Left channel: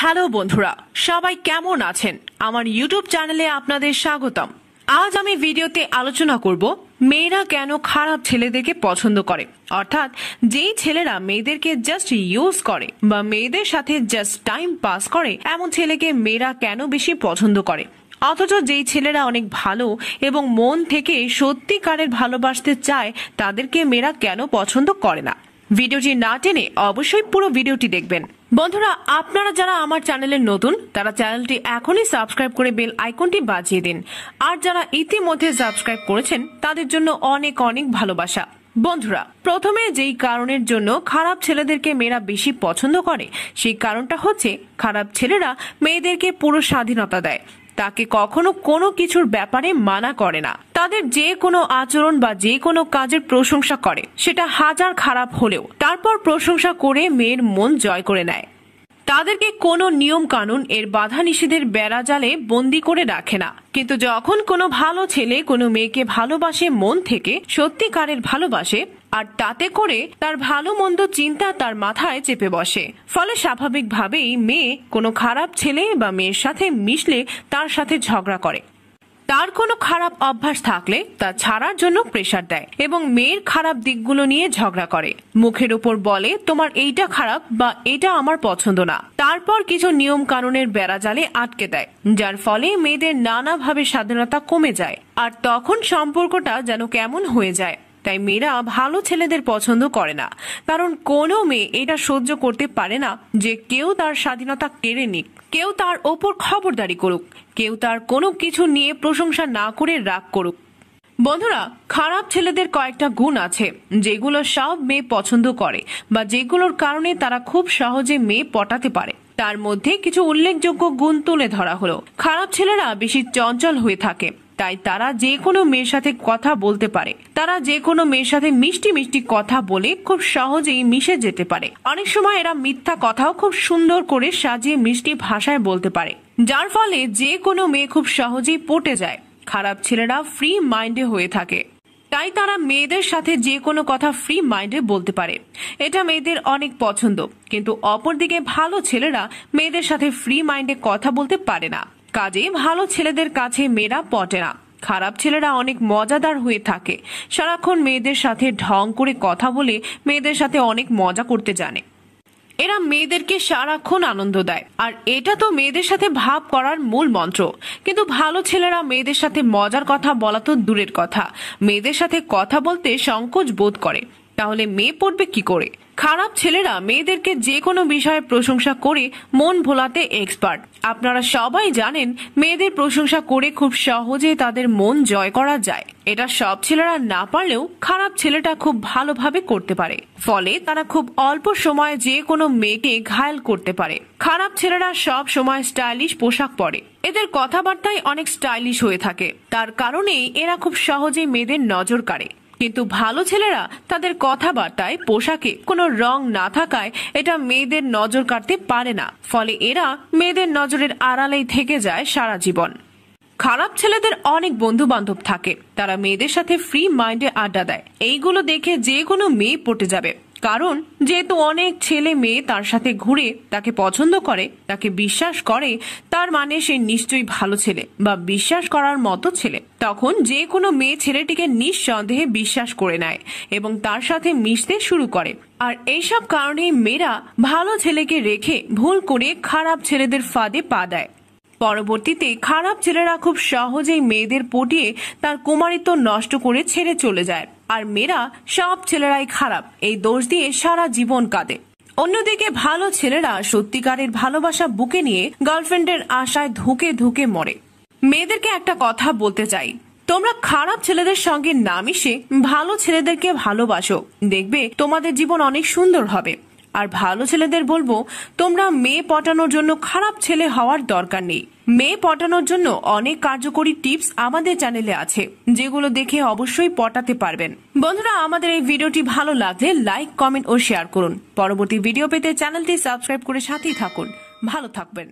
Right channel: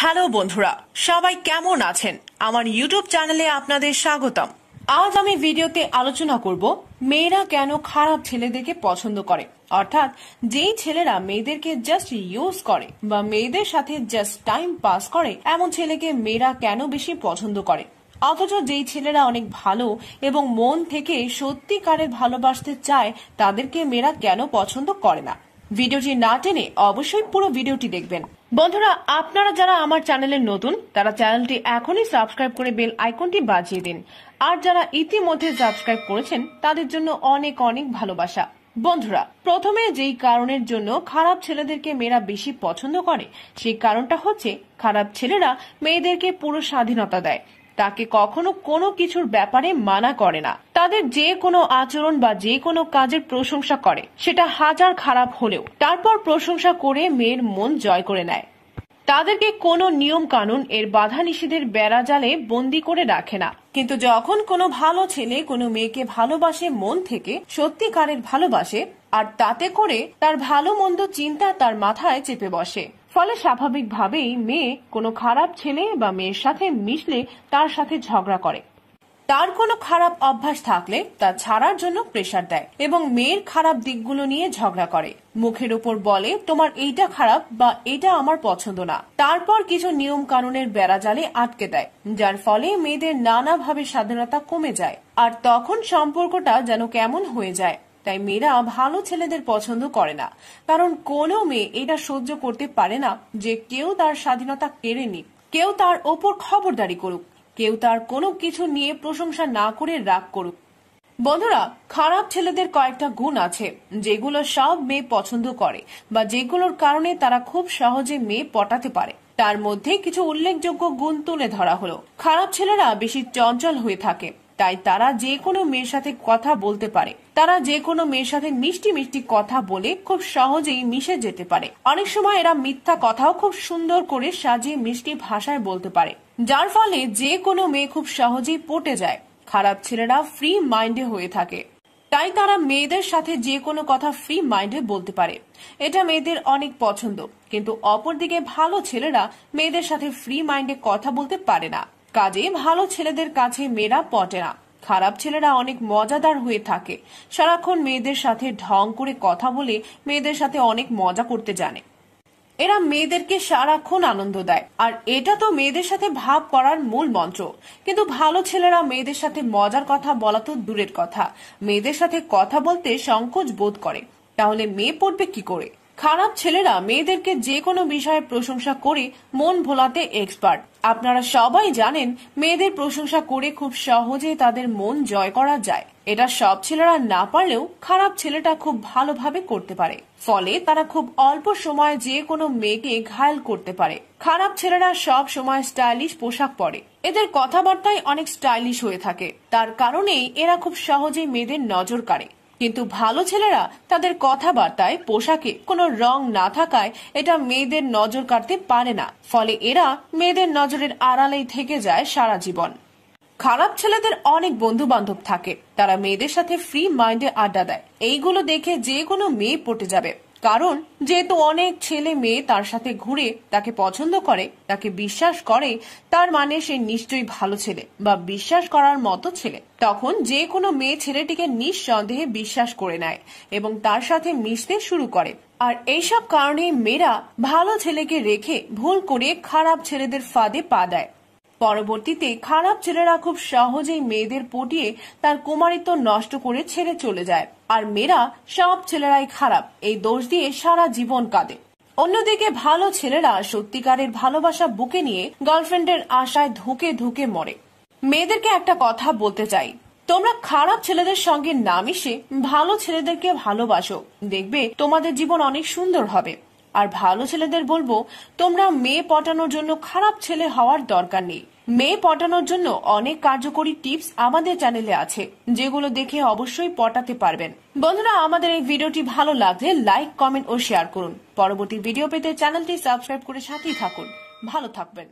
Hello বন্ধুরা, সবাই কেমন আছেন? আমার ইউটিউব চ্যানেলে আপনাদের স্বাগতম। আজ আমি ভিডিওতে আলোচনা করব মেয়েরা কেন খারাপ ছেলেদেরকে পছন্দ করে, অর্থাৎ যেই ছেলেরা মেয়েদেরকে জাস্ট ইউজ করে বা মেয়েদের সাথে জাস্ট টাইম পাস করে এমন ছেলেকে মেয়েরা কেন বেশি পছন্দ করে, অথচ যেই ছেলেরা অনেক ভালো এবং মন থেকে সত্যিকারের ভালোবাসতে চায় তাদেরকে মেয়েরা কেন পছন্দ করে না। ভিডিওটি না টেনে অবশ্যই পুরো ভিডিওটি দেখবেন। বন্ধুরা, আপনারা যারা আমার চ্যানেলে নতুন তারা চ্যানেলটি এখনই সাবস্ক্রাইব করে বেল আইকনটি বাজিয়ে দিন, আর যারা ইতিমধ্যে সাবস্ক্রাইব করেছেন তাদের জন্য অনেক অনেক ভালোবাসা। বন্ধুরা, প্রথমে যেই কারণের জন্য খারাপ ছেলেদেরকে মেয়েরা বেশি পছন্দ করে সেই কারণটা হচ্ছে খারাপ ছেলেরা মেয়েদেরকে পুরো স্বাধীনতা দেয়, তাকে কখনো কোনো কিছুর ব্যাপারে মানা করে না, তাদের যে কোনো আচরণ বা যে কোনো কাজের প্রশংসা করে, সেটা হাজার খারাপ হলেও তারপর প্রশংসা করে মেয়ের মন জয় করে নেয়। তাদেরকে কোনো নিয়ম কানুন এর বাধা নিষেধের বেড়া জালে বন্দি করে রাখে না। কিন্তু যখন কোনো ভালো ছেলে কোনো মেয়েকে ভালোবাসে, মন থেকে সত্যিকারের ভালোবাসে, আর তাতে করে তার ভালো মন্দ চিন্তা তার মাথায় চেপে বসে, ফলে স্বাভাবিকভাবেই মেয়ে কোনো খারাপ ছেলে বা মেয়ের সাথে মিশলে তার সাথে ঝগড়া করে। তার কোনো খারাপ অভ্যাস থাকলে তা ছাড়ার জন্য প্রেসার দেয় এবং মেয়ের খারাপ দিকগুলো নিয়ে ঝগড়া করে। মুখের উপর বলে তোমার এইটা খারাপ বা এটা আমার পছন্দ না, তারপর কিছু নিয়ম কানুনের বেড়াজালে আটকে দেয়, যার ফলে মেয়েদের নানাভাবে স্বাধীনতা কমে যায়, আর তখন সম্পর্কটা যেন কেমন হয়ে যায়। তাই মেয়েরা ভালো ছেলেদের পছন্দ করে না, কারণ কোনো মেয়ে এটা সহ্য করতে পারে না যে কেউ তার স্বাধীনতা কেড়ে নিক, কেউ তার ওপর খবরদারি করুক, কেউ তার কোনো কিছু নিয়ে প্রশংসা না করে রাগ করুক। বন্ধুরা, খারাপ ছেলেদের কয়েকটা গুণ আছে যেগুলো সব মেয়ে পছন্দ করে বা যেগুলোর কারণে তারা খুব সহজে মেয়ে পটাতে পারে। তার মধ্যে কিছু উল্লেখযোগ্য গুণ তুলে ধরা হলো। খারাপ ছেলেরা বেশি চঞ্চল হয়ে থাকে, তাই তারা যে কোনো মেয়ের সাথে কথা বলতে পারে, তারা যে কোনো মেয়ের সাথে মিষ্টি মিষ্টি কথা বলে খুব সহজেই মিশে যেতে পারে। অনেক সময় এরা মিথ্যা কথাও খুব সুন্দর করে সাজিয়ে মিষ্টি ভাষায় বলতে পারে, যার ফলে যে কোনো মেয়ে খুব সহজেই পটে যায়। খারাপ ছেলেরা ফ্রি মাইন্ডে হয়ে থাকে, তাই তারা মেয়েদের সাথে যে কোনো কথা ফ্রি মাইন্ডে বলতে পারে, এটা মেয়েদের অনেক পছন্দ। কিন্তু অপরদিকে ভালো ছেলেরা মেয়েদের সাথে ফ্রি মাইন্ডে কথা বলতে পারে না, কাজে ভালো ছেলেদের কাছে মেয়েরা পটে না। খারাপ ছেলেরা অনেক মজাদার হয়ে থাকে, সারাক্ষণ মেয়েদের সাথে ঢং করে কথা বলে মেয়েদের সাথে অনেক মজা করতে জানে। এরা মেয়েদেরকে সারাক্ষণ আনন্দ দেয়, আর এটা তো মেয়েদের সাথে ভাব করার মূল মন্ত্র। কিন্তু ভালো ছেলেরা মেয়েদের সাথে মজার কথা বলা তো দূরের কথা, মেয়েদের সাথে কথা বলতে সংকোচ বোধ করে। তাহলে মেয়ে পড়বে কি করে? খারাপ ছেলেরা মেয়েদেরকে যে কোনো বিষয়ে প্রশংসা করে মন ভোলাতে এক্সপার্ট। আপনারা সবাই জানেন মেয়েদের প্রশংসা করে খুব সহজে তাদের মন জয় করা যায়। এটা সব ছেলেরা না পারলেও খারাপ ছেলেটা খুব ভালোভাবে করতে পারে, ফলে তারা খুব অল্প সময়ে যে কোনো মেয়েকে ঘায়েল করতে পারে। খারাপ ছেলেরা সব সময় স্টাইলিশ পোশাক পরে, এদের কথাবার্তায় অনেক স্টাইলিশ হয়ে থাকে, তার কারণেই এরা খুব সহজে মেয়েদের নজর কাড়ে। কিন্তু ভালো ছেলেরা তাদের কথাবার্তায় পোশাকে কোনো রং না থাকায় এটা মেয়েদের নজর কাড়তে পারে না, ফলে এরা মেয়েদের নজরের আড়ালেই থেকে যায় সারা জীবন। খারাপ ছেলেদের অনেক বন্ধু বান্ধব থাকে, তারা মেয়েদের সাথে ফ্রি মাইন্ডে আড্ডা দেয়। এইগুলো দেখে যে কোনো মেয়ে পটে যাবে, কারণ যেহেতু অনেক ছেলে মেয়ে তার সাথে ঘুরে তাকে পছন্দ করে, তাকে বিশ্বাস করে, তার মানে সে নিশ্চয়ই ভালো ছেলে বা বিশ্বাস করার মতো ছেলে। তখন যে কোনো মেয়ে ছেলেটিকে নিঃসন্দেহে বিশ্বাস করে নেয় এবং তার সাথে মিশতে শুরু করে। আর এইসব কারণে মেয়েরা ভালো ছেলেকে রেখে ভুল করে খারাপ ছেলেদের ফাঁদে পা দেয়। পরবর্তীতে খারাপ ছেলেরা খুব সহজেই মেয়েদের পটিয়ে তার কুমারিত্ব নষ্ট করে ছেড়ে চলে যায়, আর মেয়েরা সব ছেলেরাই খারাপ এই দোষ দিয়ে সারা জীবন কাঁদে। অন্যদিকে ভালো ছেলেরা সত্যিকারের ভালোবাসা বুকে নিয়ে গার্লফ্রেন্ডের আশায় ধুকে ধুকে মরে। মেয়েদেরকে একটা কথা বলতে চাই, তোমরা খারাপ ছেলেদের সঙ্গে না মিশে ভালো ছেলেদেরকে ভালোবাসো, দেখবে তোমাদের জীবন অনেক সুন্দর হবে। আর ভালো ছেলেদের বলবো, তোমরা মেয়ে পটানোর জন্য খারাপ ছেলে হওয়ার দরকার নেই। মেয়ে পটানোর জন্য অনেক কার্যকরী টিপস আমাদের চ্যানেলে আছে, যেগুলো দেখে অবশ্যই পটাতে পারবেন। বন্ধুরা, আমাদের এই ভিডিওটি ভালো লাগলে লাইক, কমেন্ট ও শেয়ার করুন। পরবর্তী ভিডিও পেতে চ্যানেলটি সাবস্ক্রাইব করে সাথেই থাকুন। ভালো থাকবেন।